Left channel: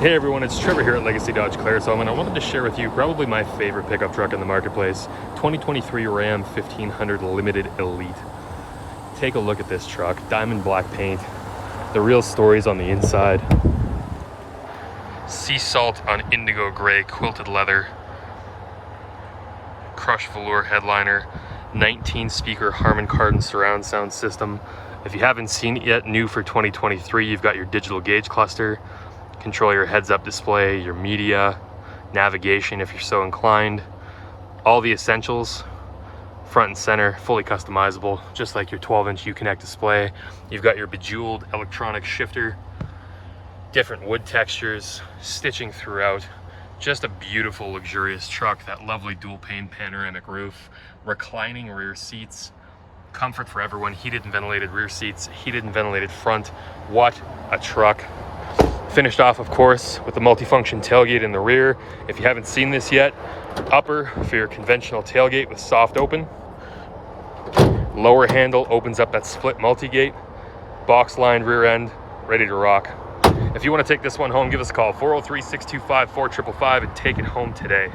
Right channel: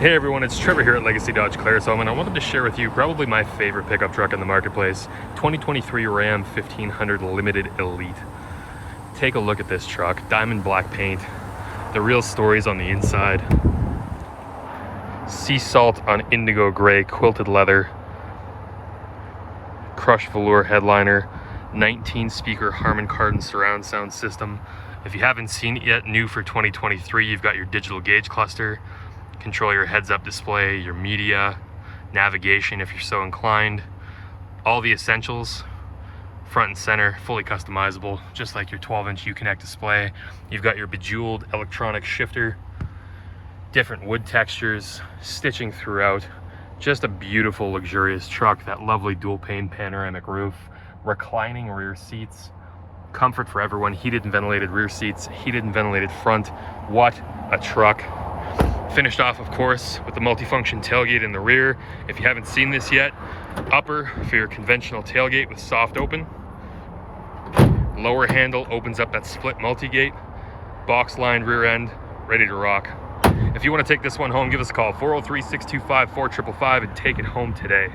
Hey everyone, it's Trevor here at Legacy Dodge Claresholm, and I wanted to share with you probably my favorite pickup truck in the marketplace, 2023 Ram 1500 Limited Elite. Take a look at this truck, diamond black paint, the real stories on the inside, sea salt on indigo gray quilted leather, crushed velour headliner, 19 speaker Harman Kardon surround sound system. If you haven't seen it yet, new for 2023, you've got your digital gauge cluster, control your heads-up display, your media, navigation if you're so inclined, all the essentials, front and center, fully customizable, just like your 12-inch Uconnect display. You've got your bejeweled electronic shifter, different wood textures, stitching throughout. Just a beautiful, luxurious truck. That lovely dual-pane panoramic roof, reclining rear seats, comfort for everyone, heated and ventilated rear seats, heated and ventilated front. What a truck. Finished off, of course, with the multifunction tailgate in the rear. If you haven't seen this yet, upper for your conventional tailgate with soft open. Lower handle opens up that split multi-gate. Box lined rear end, ready to rock. If you want to take this one home, give us a call, 403-625-4555, and take it home today.